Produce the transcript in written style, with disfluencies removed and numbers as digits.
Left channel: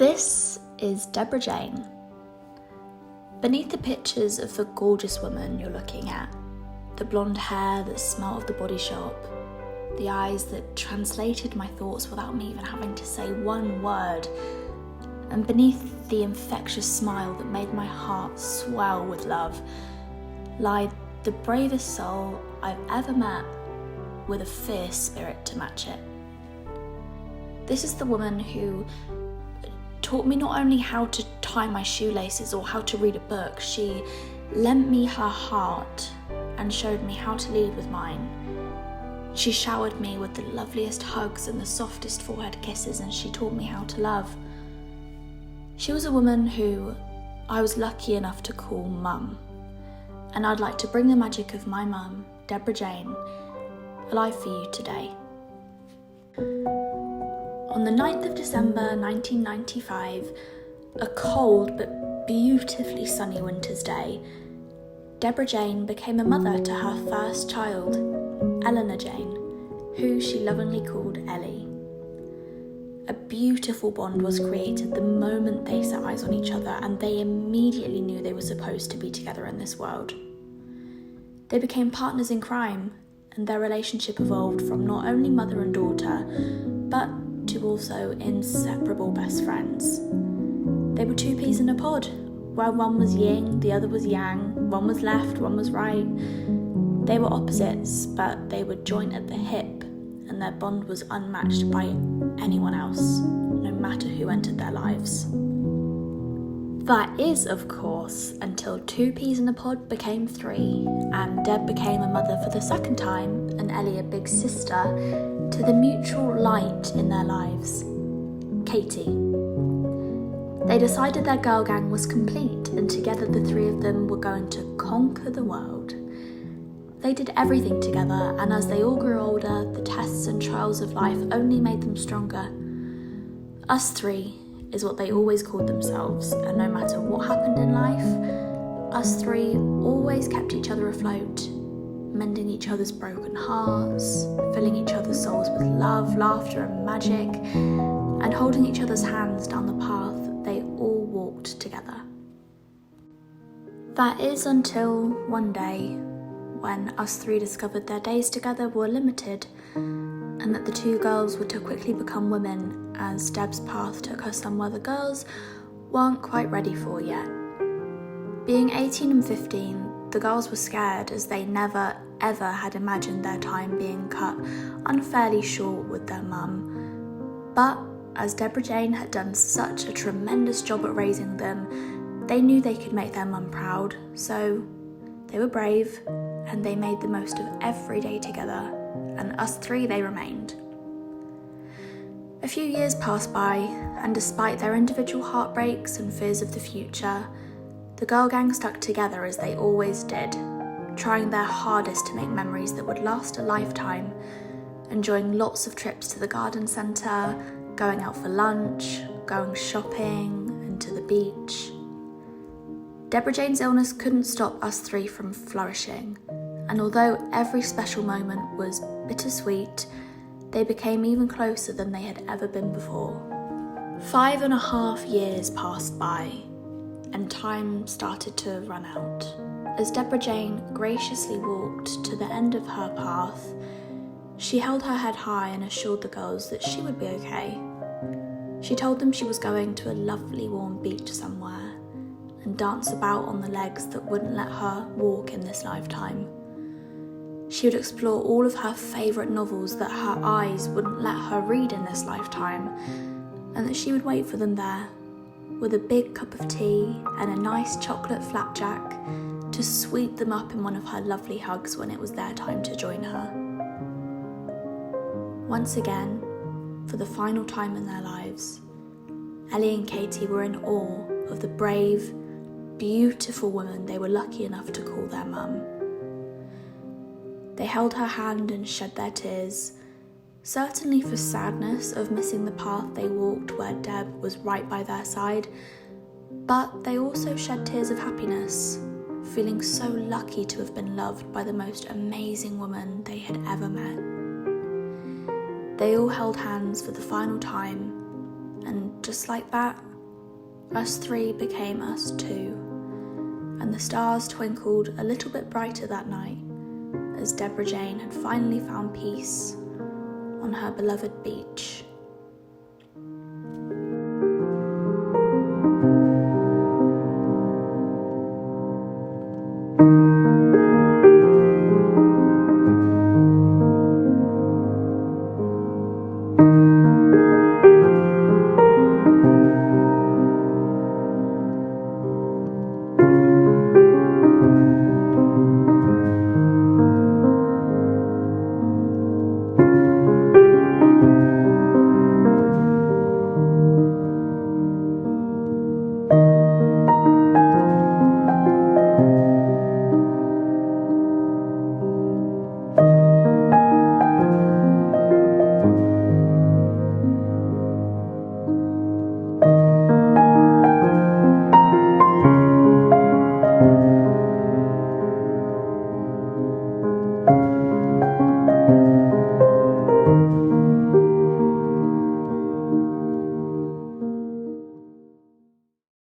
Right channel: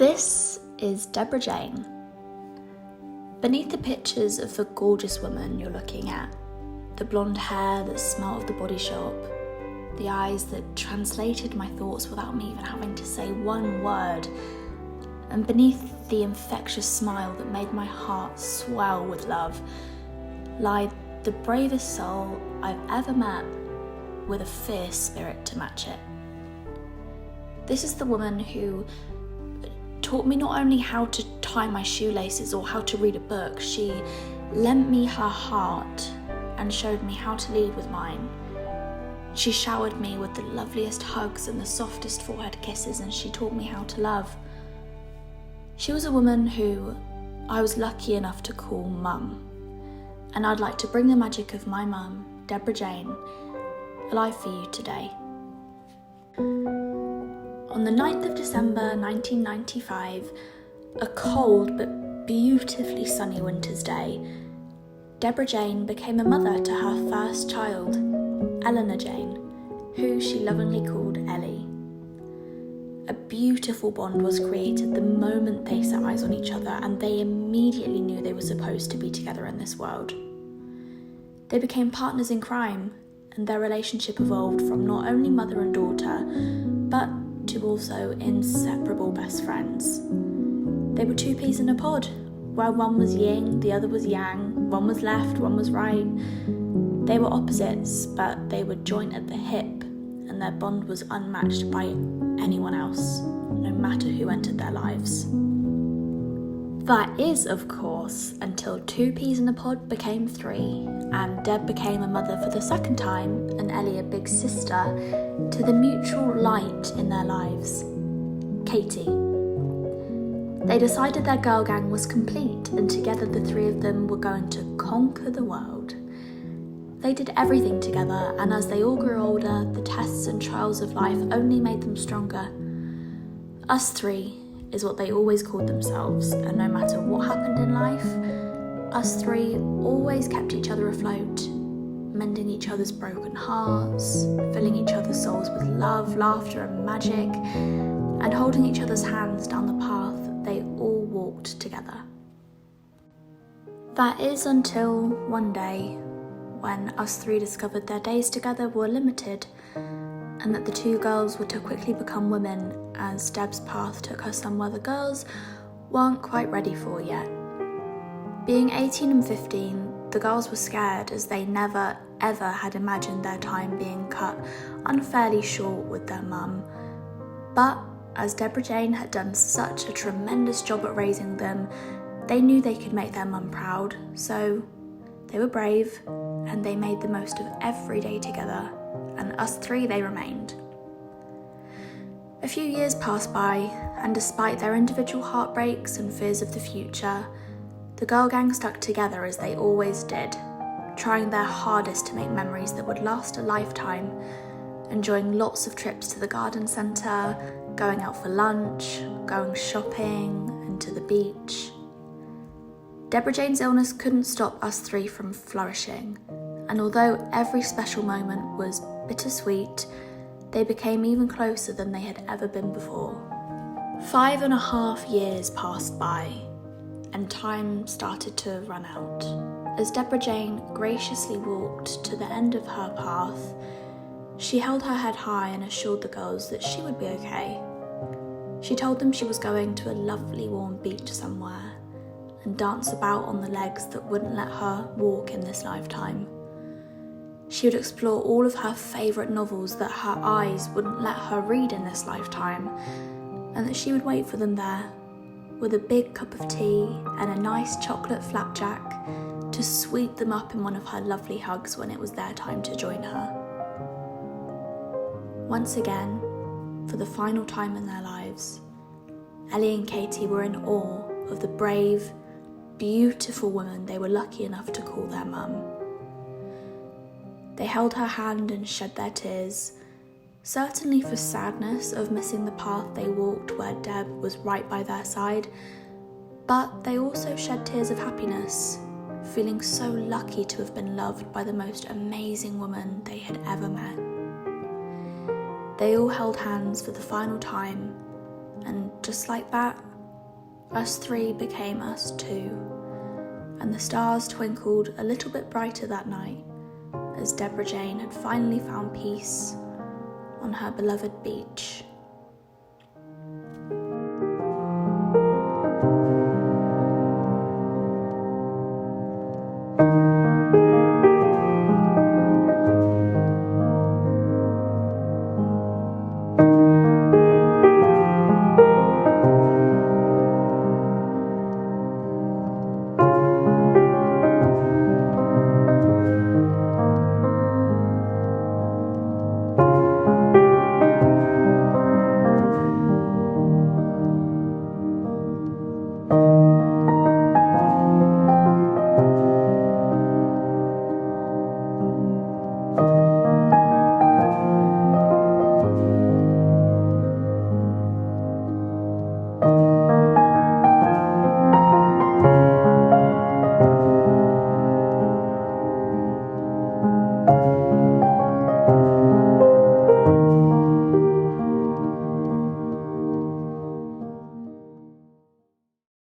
This is Deborah Jane. Beneath the pictures of the gorgeous woman you're looking at, the blonde hair that smelt of the Body Shop, the eyes that translated my thoughts without me even having to say one word, and beneath the infectious smile that made my heart swell with love, lied the bravest soul I've ever met with a fierce spirit to match it. This is the woman who taught me not only how to tie my shoelaces or how to read a book, she lent me her heart and showed me how to lead with mine. She showered me with the loveliest hugs and the softest forehead kisses, and she taught me how to love. She was a woman who I was lucky enough to call Mum, and I'd like to bring the magic of my mum, Deborah Jane, alive for you today. On the 9th of December 1995, a cold but beautifully sunny winter's day, Deborah Jane became a mother to her first child, Elle Jane, who she lovingly called Elle. A beautiful bond was created the moment they set eyes on each other, and they immediately knew they were supposed to be together in this world. They became partners in crime, and their relationship evolved from not only mother and daughter, but to also inseparable best friends. They were two peas in a pod, where one was yin, the other was yang, one was left, one was right. They were opposites, but they were joined at the hip, and their bond was unmatched by anyone else, no matter who entered their lives. That is, of course, until two peas in a pod became three, and Deb became a mother for the second time, and Ellie a big sister, to the mutual light in their lives, Katie. They decided their girl gang was complete, and together the three of them were going to conquer the world. They did everything together, and as they all grew older, the tests and trials of life only made them stronger. Us three is what they always called themselves, and no matter what happened in life, us three always kept each other afloat, mending each other's broken hearts, filling each other's souls with love, laughter and magic, and holding each other's hands down the path they all walked together. That is until one day when us three discovered their days together were limited, and that the two girls were to quickly become women, as Deb's path took her somewhere the girls weren't quite ready for yet. Being 18 and 15, the girls were scared, as they never ever had imagined their time being cut unfairly short with their mum. But as Deborah Jane had done such a tremendous job at raising them, they knew they could make their mum proud, so they were brave, and they made the most of every day together, and us three they remained. A few years passed by, and despite their individual heartbreaks and fears of the future, the girl gang stuck together as they always did, trying their hardest to make memories that would last a lifetime, enjoying lots of trips to the garden centre, going out for lunch, going shopping, and to the beach. Deborah Jane's illness couldn't stop us three from flourishing, and although every special moment was bittersweet, they became even closer than they had ever been before. 5.5 years passed by, and time started to run out. As Deborah Jane graciously walked to the end of her path, she held her head high and assured the girls that she would be okay. She told them she was going to a lovely warm beach somewhere, and dance about on the legs that wouldn't let her walk in this lifetime. She would explore all of her favourite novels that her eyes wouldn't let her read in this lifetime, and that she would wait for them there, with a big cup of tea and a nice chocolate flapjack to sweep them up in one of her lovely hugs when it was their time to join her. Once again, for the final time in their lives, Ellie and Katie were in awe of the brave, beautiful woman they were lucky enough to call their mum. They held her hand and shed their tears, certainly for sadness of missing the path they walked where Deb was right by their side, but they also shed tears of happiness, feeling so lucky to have been loved by the most amazing woman they had ever met. They all held hands for the final time, and just like that, Us three became us two, and the stars twinkled a little bit brighter that night as Deborah Jane had finally found peace on her beloved beach.